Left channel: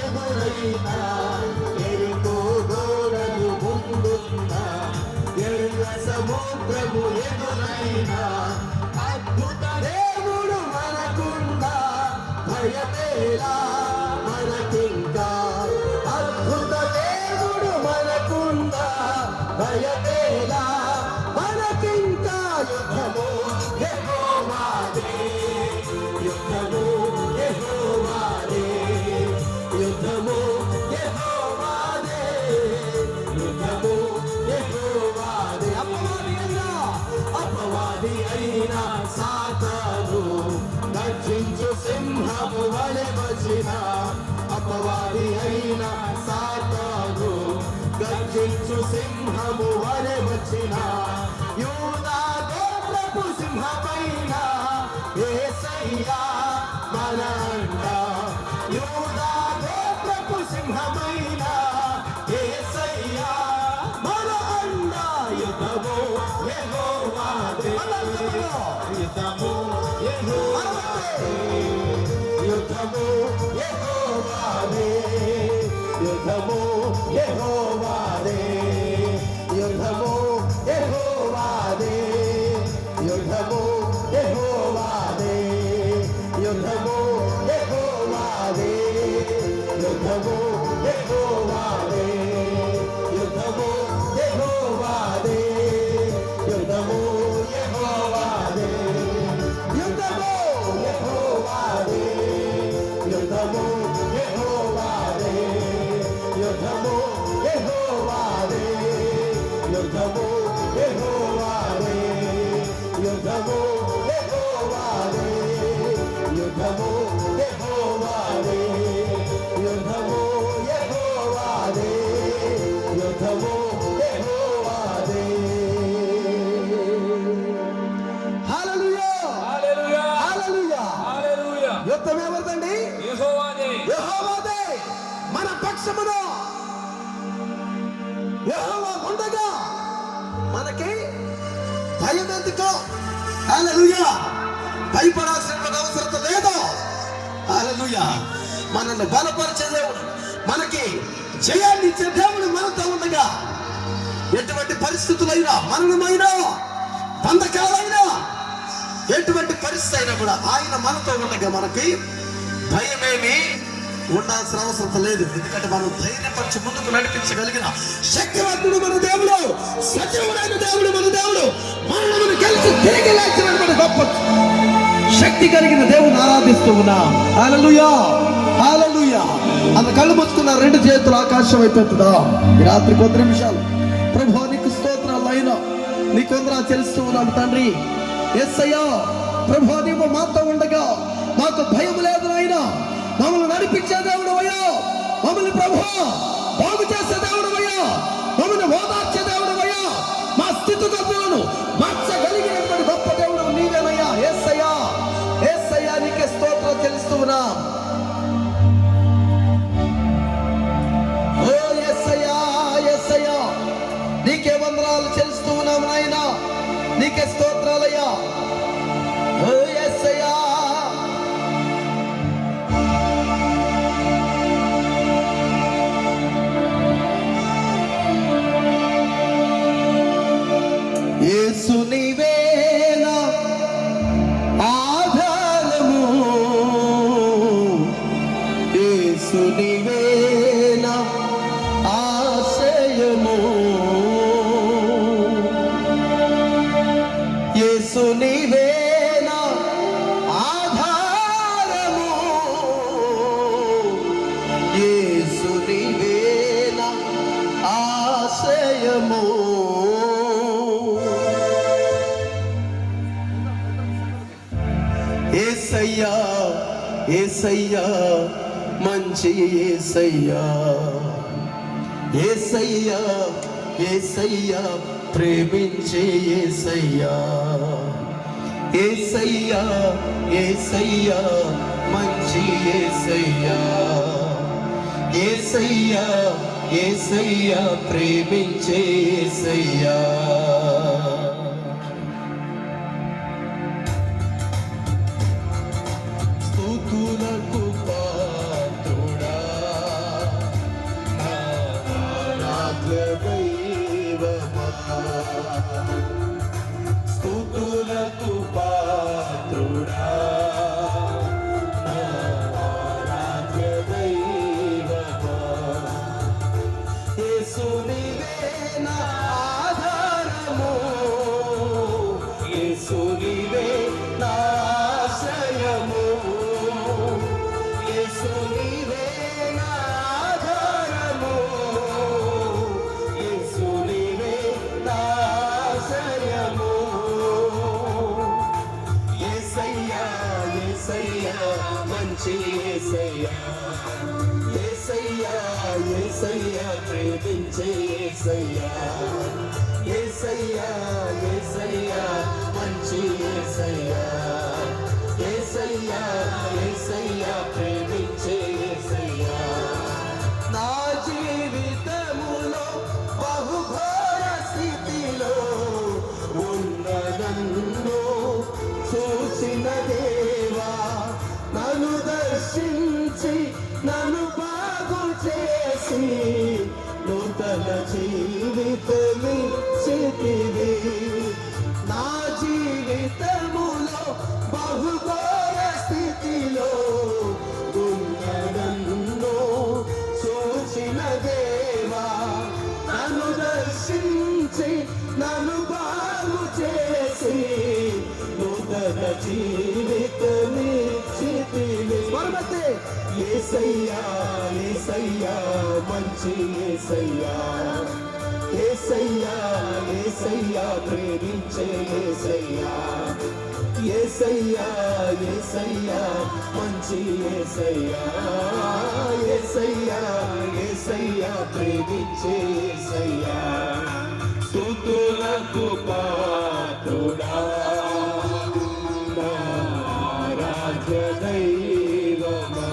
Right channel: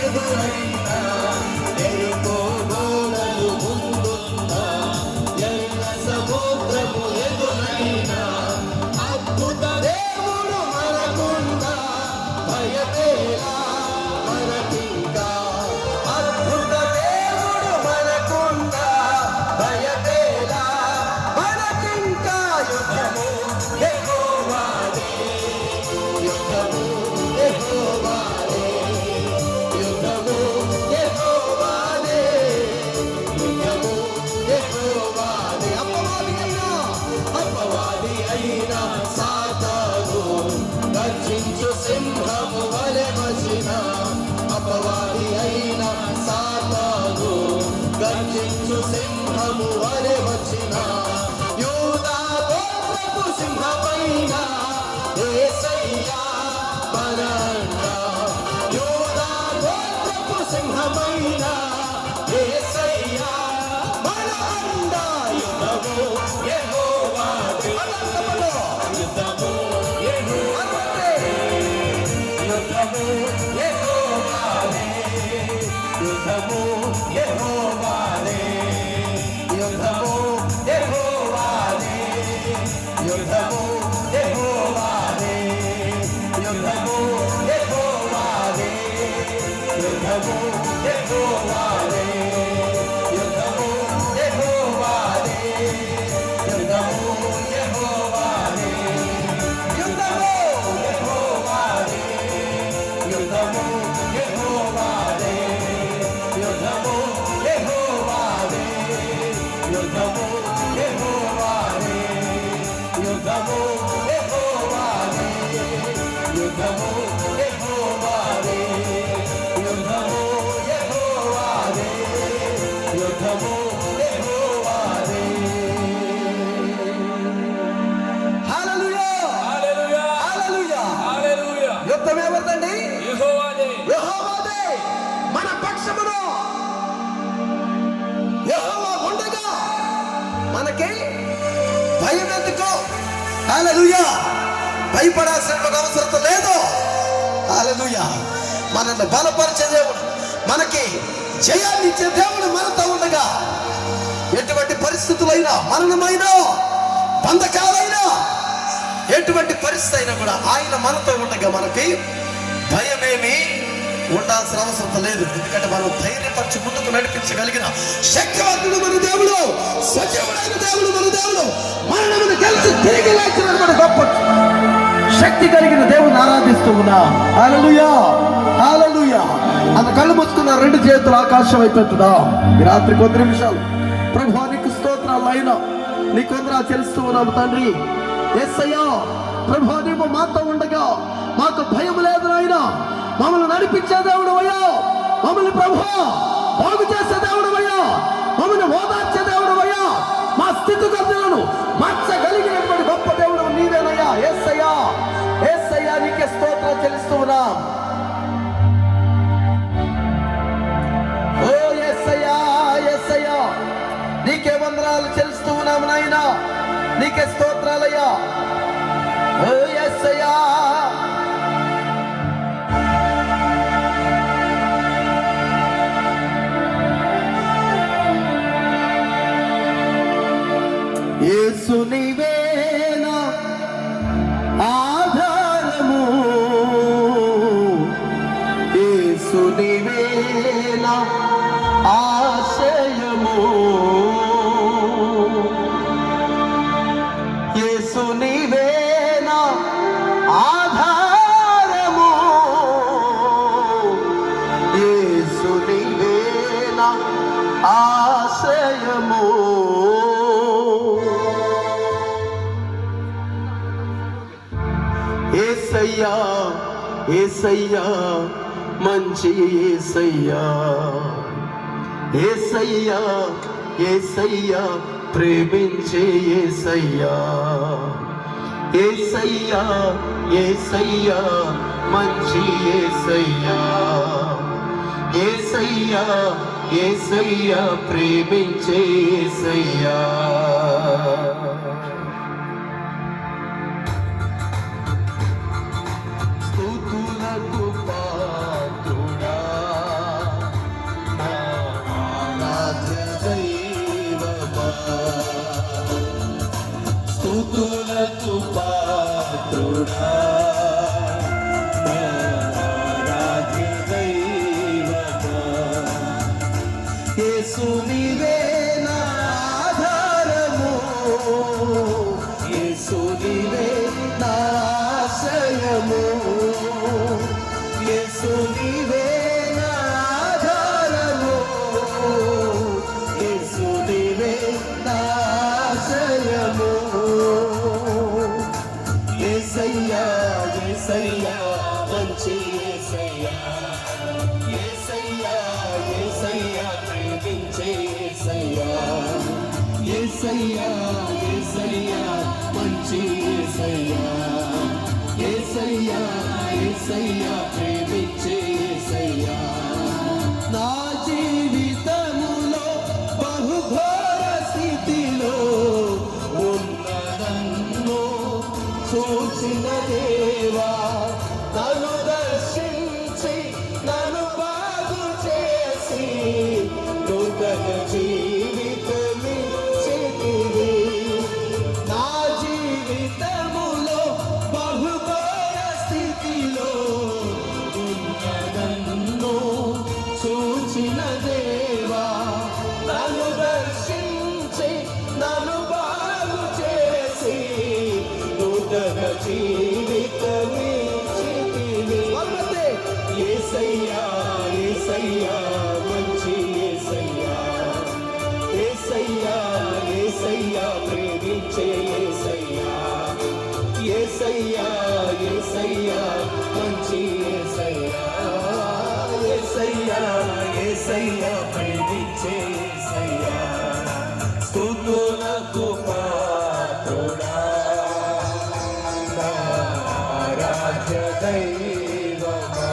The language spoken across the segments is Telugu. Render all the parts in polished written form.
ఎదురైనా ఎరికో గోడలు ముందున్నా ఎల్ల సముద్రము ఎదురైనా అద్భుత దేవుడు మనకుండా భయమేలా మనకింకా అద్భుత దేవుడు మనకుండా భయమేలా మనకింకా యుద్ధము యెహోవాదే యుద్ధము యెహోవాదే యుద్ధము యెహోవాదే అపవాది అయినా సాతాను గర్జించు సింహము వలె వచ్చిన అపవాది అయినా సాతాను గర్జించు సింహము వలె వచ్చిన యూదా గోత్రపు సింహపైన యేసయ్యా మన అండ యూదా గోత్రపు సింహపైన యేసయ్యా మన అండ యుద్ధము యెహోవాదే యుద్ధము యెహోవాదే యుద్ధము యెహోవాదే యుద్ధము యెహోవాదే యుద్ధము యెహోవాదే యుద్ధము యెహోవాదే యుద్ధము యెహోవాదే యుద్ధము యెహోవాదే యుద్ధము యెహోవాదే యుద్ధము యెహోవాదే యుద్ధము యెహోవాదే యుద్ధము యెహోవాదే యుద్ధము యెహోవాదే యుద్ధము యెహోవాదే యుద్ధము యెహోవాదే యుద్ధము యెహోవాదే యుద్ధము యెహోవాదే యుద్ధము యెహోవాదే హల్లెలూయా హల్లెలూయా హల్లెలూయా హల్లెలూయా యుద్ధం ఎవరిదండి యెహోవాదే యెహోవాదే మన పక్షమున యెహోవా ఉండగా మనకి భయం ఎందుకు హల్లెలూయా భయపడాల్సిన అవసరం లేదు హల్లెలూయా మనల్ని బలపరిచే దేవుడు మనకి జయాన్ని ఇచ్చే దేవుడు మనతో ఉండగా ఎటువంటి పరిస్థితులైనా మరణమైనా బంధకాలైనా ఎటువంటి పరిస్థితి అయినా కూడా ఆయన మనతో ఉండగా మనకి భయమేమి ఉండాల్సిన అవసరం లేదు. ఎందుకంటే మనం ధైర్యపరచు ముందుకు నడిపించగలిగిన శక్తివంతుడు మన దేవుడు, సజీవుడైన దేవుడు మన దేవుడు, మరణమును గెలిచి తిరిగి లేచిన మన గొప్ప శక్తి కలిగిన దేవుని ఆరాధిస్తూ ఉన్నాం. హల్లెలూయా హల్లెలూయా. అంత కళ్ళు మూసుకున్న రెండు చేతులు ఆకాశం అయిపోతుందాం ఈ రాత్రి కొద్ది నిమిషాలు. ప్రభువా నీకు స్తోత్రాలు అయినా నీకు వందనాలు చెల్లిస్తూ ఉన్నాము తండ్రి. యేసయ్యా ప్రభువా నీవు మాతో ఉండగా మాకు భయం లేదు నాయనా. మమ్మల్ని నడిపించే దేవుడు అయ్యా, మమ్మల్ని ప్రభువా బాగు చేసే దేవుడు అయ్యా, మమ్మల్ని ఓదార్చే దేవుడు అయ్యా, మా స్థితిగతులను మార్చగలిగినటువంటి గొప్ప దేవుడు నీవేనయ్యా. యేసయ్యా యేసయ్యా నీకే స్తోత్రం చెల్లిస్తూ ఉన్నాం. ఓ యేసయ్యా యేసయ్యా నీకే వందనాలు చెల్లిస్తూ ఉన్నాం నాయనా. నీకే స్తోత్రాలయ్యా. ఓ యేసయ్యా యేసు నీవేనా ఆధారము, యేసు నీవేనా ఆశ్రయము, యేసు నీవేనా ఆధారము, యేసు నీవేనా ఆశ్రయము. యేసయ్యా యేసయ్యా మంచి యేసయ్యా, యేసయ్యా యేసయ్యా ప్రేమించే యేసయ్యా, యేసయ్యా యేసయ్యా మంచి యేసయ్యా, యేసయ్యా యేసయ్యా ప్రేమించే యేసయ్యా. స్తుతులకు పాత్రుడా యేసయ్యా యేసయ్యా యేసయ్యా ప్రేమించే యేసయ్యా యేసయ్యా యేసయ్యా మంచి యేసయ్యా యేసయ్యా యేసయ్యా ప్రేమించే యేసయ్యా నా జీవితములో బహుఘోర స్థితిలో ఉన్నదన్ను చూసిన దేవా నన్ను దర్శించి నన్ను బాగు చేసి నూతన జీవితమిచ్చితివి నా జీవితములో బహుఘోర స్థితిలో ఉన్నదన్ను చూసిన దేవా నన్ను దర్శించి నన్ను బాగు చేసి నూతన జీవితమిచ్చితివి యేసయ్యా యేసయ్యా మంచి యేసయ్యా యేసయ్యా యేసయ్యా ప్రేమించే యేసయ్యా యేసయ్యా యేసయ్యా మంచి యేసయ్యా యేసయ్యా యేసయ్యా ప్రేమించే యేసయ్యా స్తుతులకు పాత్రుడా ఆరాధ్య దైవమా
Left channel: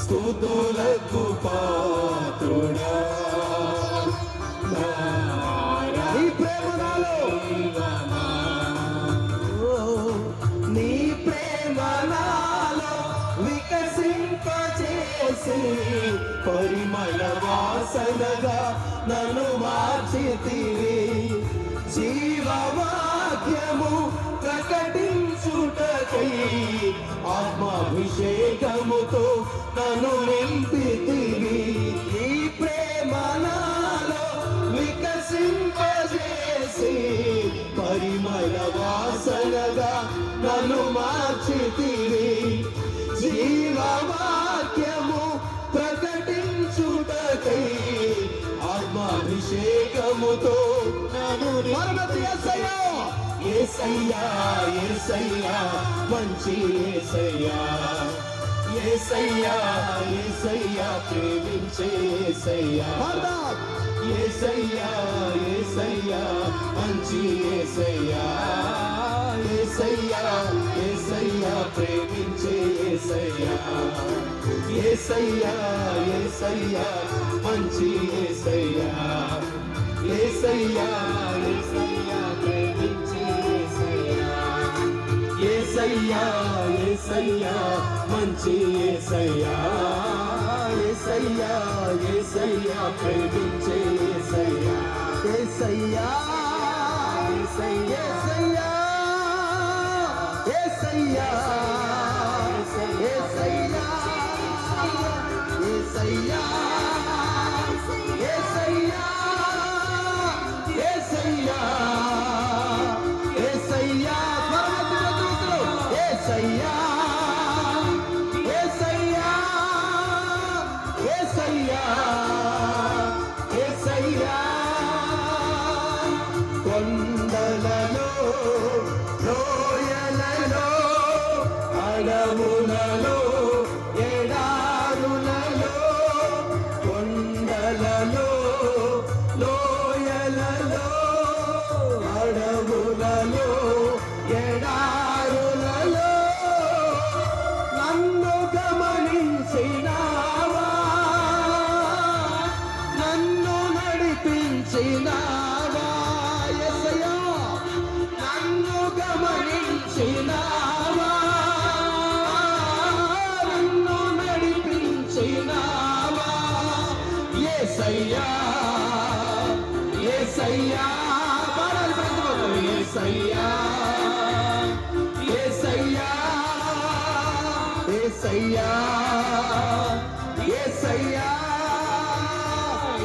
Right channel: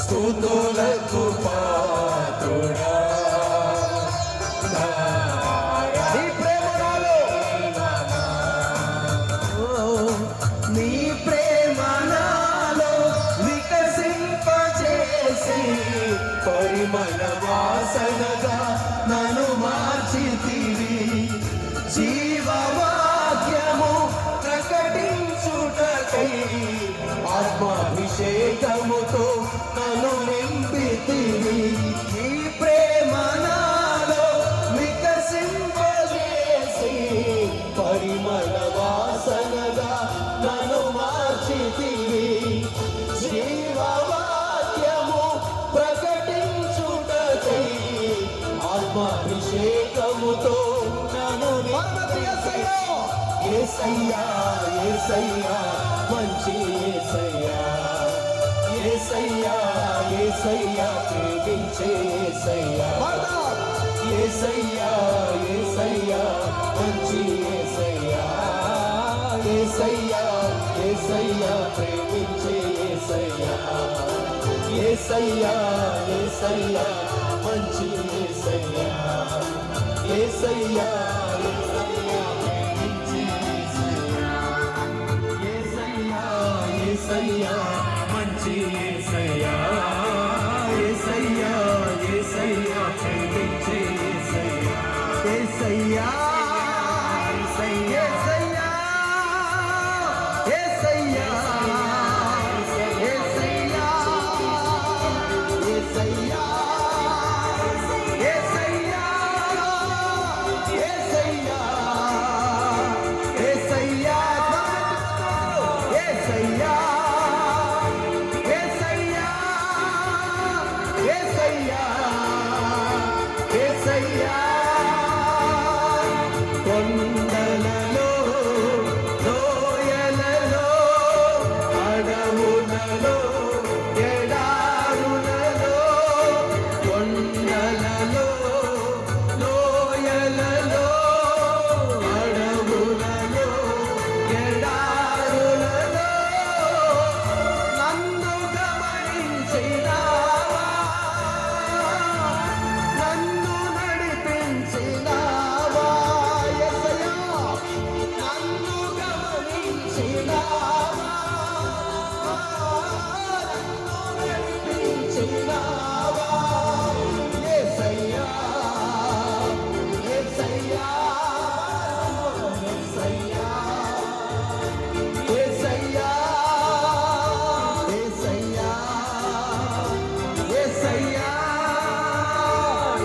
స్తుతులకు పాత్రుడా నీ ప్రేమ నాలో నీ ప్రేమ నాలో వికసింపచేసి పరిమళ వాసనగా నన్ను మార్చితివి జీవవాక్యము ప్రకటించుటకై ఆత్మాభిషేకముతో నన్ను నింపితివి ఈ ప్రేమ నాలో వికసింపజేసి పరిమళ వాసనగా నన్ను మార్చితివి జీవవాక్యము ప్రకటించుటకై ఆత్మాభిషేకముతో నన్ను యేసయ్యా యేసయ్యా మంచి యేసయ్యా యేసయ్యా యేసయ్యా ప్రేమించే యేసయ్యా యేసయ్యా యేసయ్యా మంచి యేసయ్యా యేసయ్యా యేసయ్యా ప్రేమించే యేసయ్యా యేసయ్యా యేసయ్యా మంచి యేసయ్యా యేసయ్యా యేసయ్యా ప్రేమించే యేసయ్యా యేసయ్యా మంచి యేసయ్యా యేసయ్యా యేసయ్యా ప్రేమించే యేసయ్యా యేసయ్యా యేసయ్యా యేసయ్యా యేసయ్యా యేసయ్యా యేసయ్యా యేసయ్యా యేసయ్యా యేసయ్యా యేసయ్యా యేసయ్యా యేసయ్యా కొండలలో లోయలలో అడవులలో ఎడారులలో కొండలలో లోయలలో అడవులలో ఎడారులలో నన్ను గమనించినావా నన్ను నడిపించినావా యేసయ్యా నన్ను గమనించినావా నన్ను నడిపించినావా యేసయ్యా యేసయ్యా యేసయ్యా యేసయ్యా యేసయ్యా యేసయ్యా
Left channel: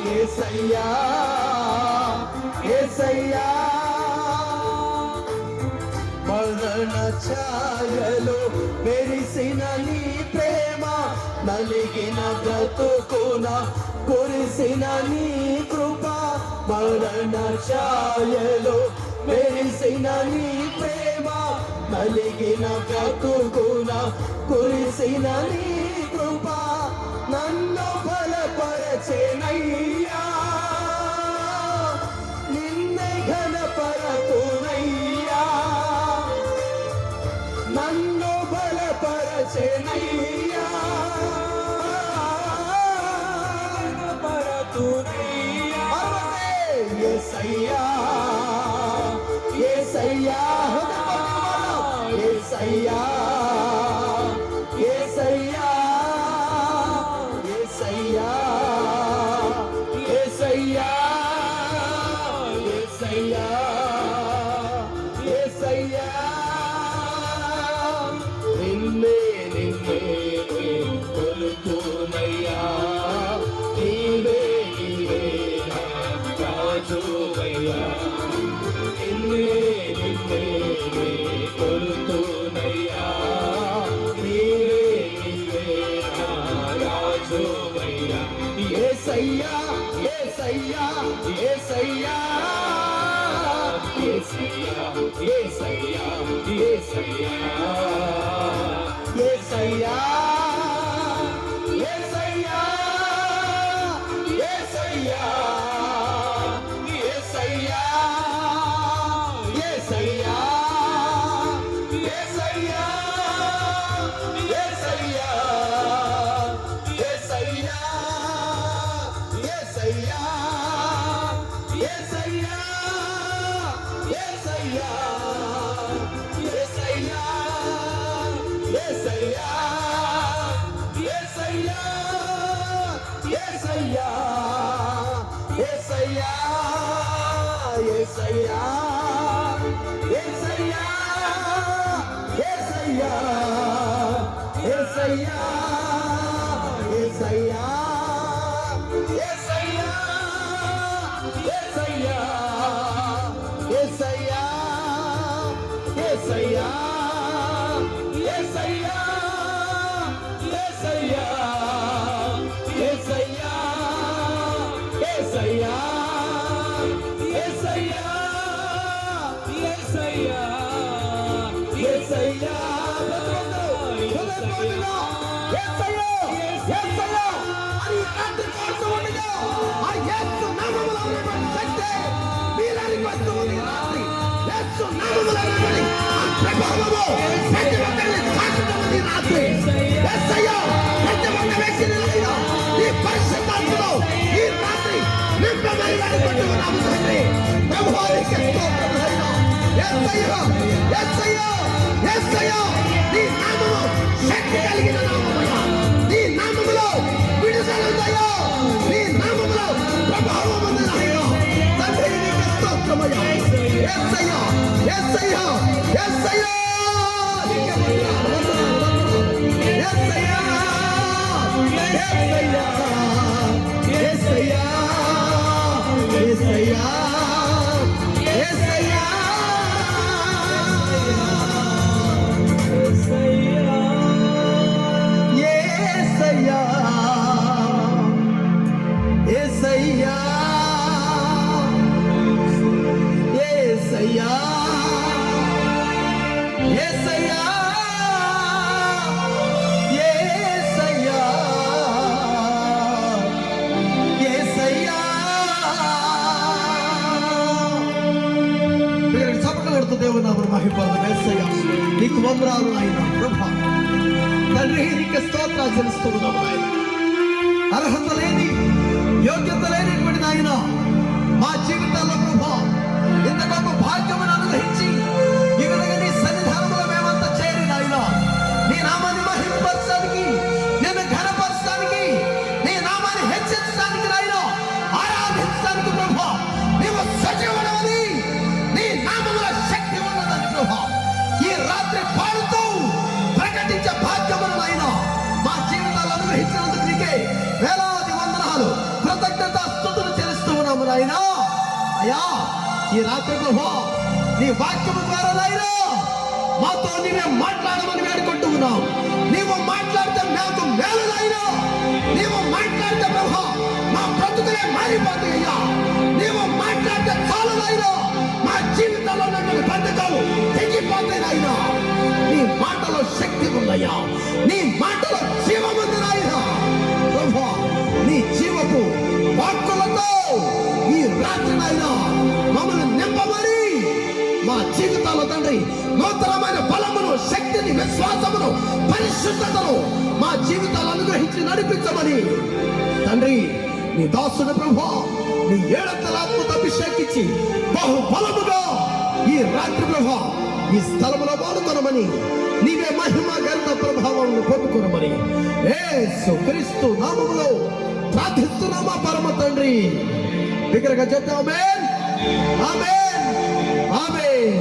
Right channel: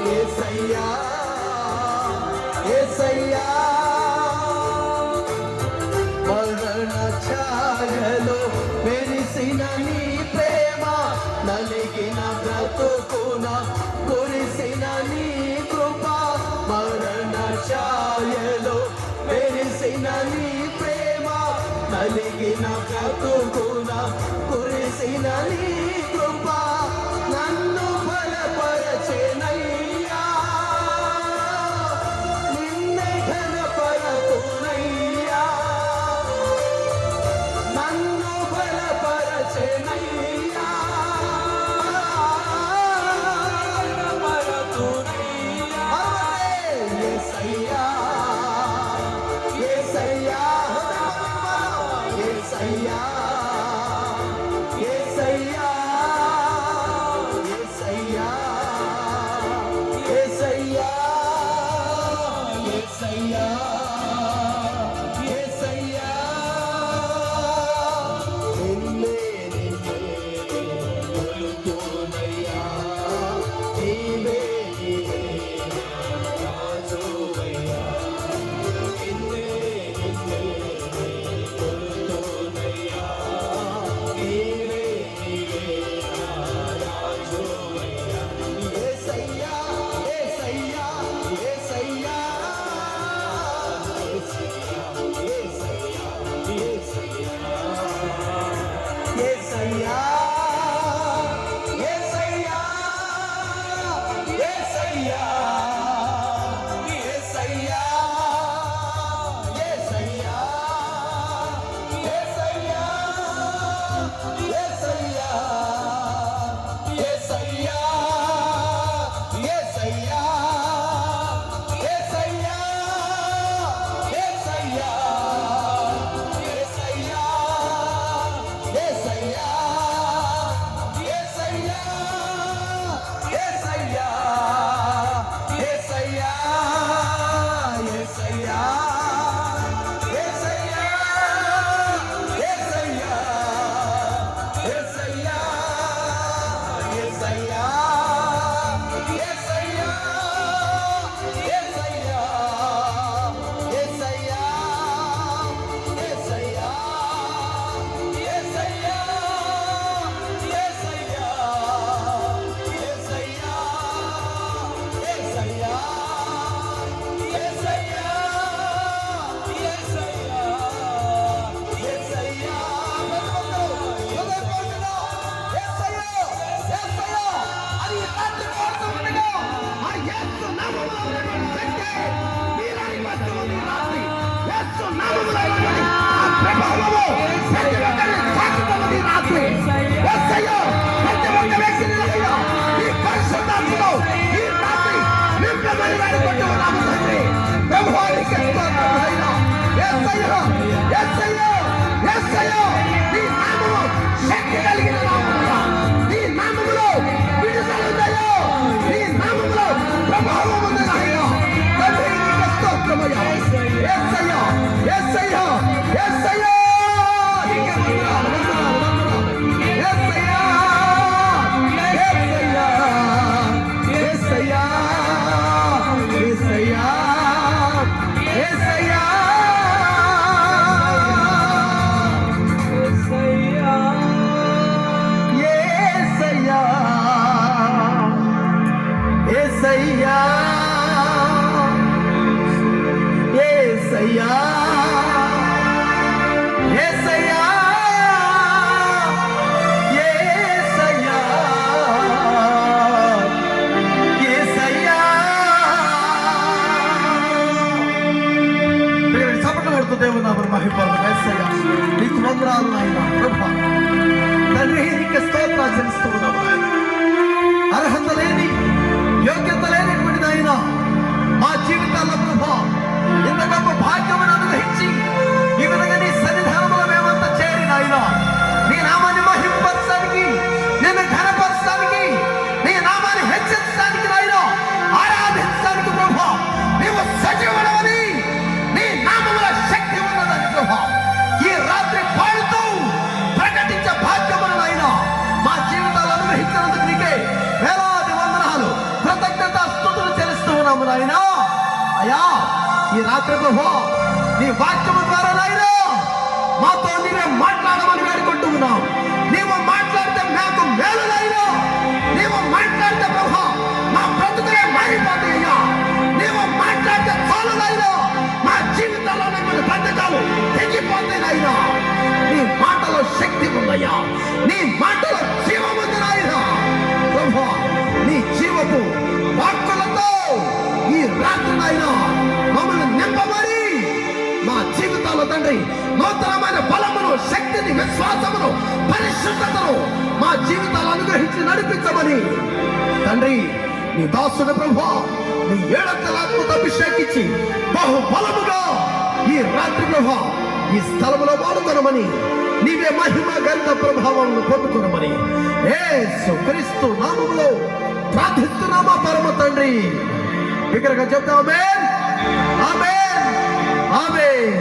యేసయ్యా యేసయ్యా మరణ ఛాయలో మెరిసిన నీ ప్రేమ నలిగిన బ్రతుకున కురిసిన నీ కృప మరణ ఛాయలో మెరిసిన నీ ప్రేమ నలిగిన బ్రతుకున కురి యేసయ్యా యేసయ్యా యేసయ్యా యేసయ్యా యేసయ్యా యేసయ్యా యేసయ్యా యేసయ్యా యేసయ్యా యేసయ్యా నీకు వందనాలు ఆయన ప్రభా తండ్రి నీకు స్తోత్రాలు చెల్లిస్తూ ఉన్నాము ఆయన. అర్హత లేని యోగ్యత లేనిటువంటి ఆయన మా జీవితాల్లో ప్రభా ఇంత గొప్ప భాగ్యమును అనుగ్రహించి ఈ విధంగా నీ సన్నిధానంలో మేమంతా చేరి నాయన నీ నామాన్ని మహిమపరచడానికి నిన్ను ఘనపరచడానికి నీ నామాన్ని హెచ్చరించడానికి నాయన ఆరాధించడానికి ప్రభా నీవు సజీవుడవని నీ నామములో శక్తి ఉన్నదని ప్రభా ఈ రాత్రి పాడుతూ ప్రకటించే భాగ్యమును నాయన మా జీవితాలు అనుగ్రహించినందుకు నీకే వేలాది వందనాలు కృతజ్ఞత స్తుతులు చెల్లిస్తూ ఉన్నాము నాయన. అయ్యా ఈ రాత్రి ప్రభా నీ వాక్యము ద్వారా నాయన మాతో నీవే మాట్లాడమని వేడుకుంటూ ఉన్నావు. నీవు మాట్లాడితే మాకు మేలు నాయన. నీవు మాట్లాడితే ప్రభా మా బ్రతుకులే మారిపోతాయి అయ్యా. నీవు మాట్లాడితే చాలు నాయన మా జీవితంలో ఉన్నటువంటి బంధకాలు తెగిపోతాయి నాయన. నీ మాటలో శక్తి ఉందయ్యా. నీ మాటలో జీవం ఉంది నాయన. ప్రభా నీ జీవపు వాక్కులతో ఈ రాత్రి నాయన మమ్మల్ని నింపమని మా జీవితాల్లో తండ్రి నూతనమైన బలమును శక్తిని విశ్వాసమును పరిశుద్ధతను మా జీవితాలు అనుగ్రహించి నడిపించమని తండ్రి నీ దాసుడు ప్రభా నీ ఏడంతల ఆత్మతో అభిషేకించి బహు బలముగా ఈ రాత్రి ప్రభా ఈ స్థలములో వాడుకొనమని నీవే మహిమ గంధ ప్రభావం పొందుకొనమని యేసు క్రీస్తు నామములో ప్రార్థిస్తున్నామా పరమ తండ్రి. బిగ్గరగా చెప్తాం ఆమేన్ ఆమేన్ ఆమేన్.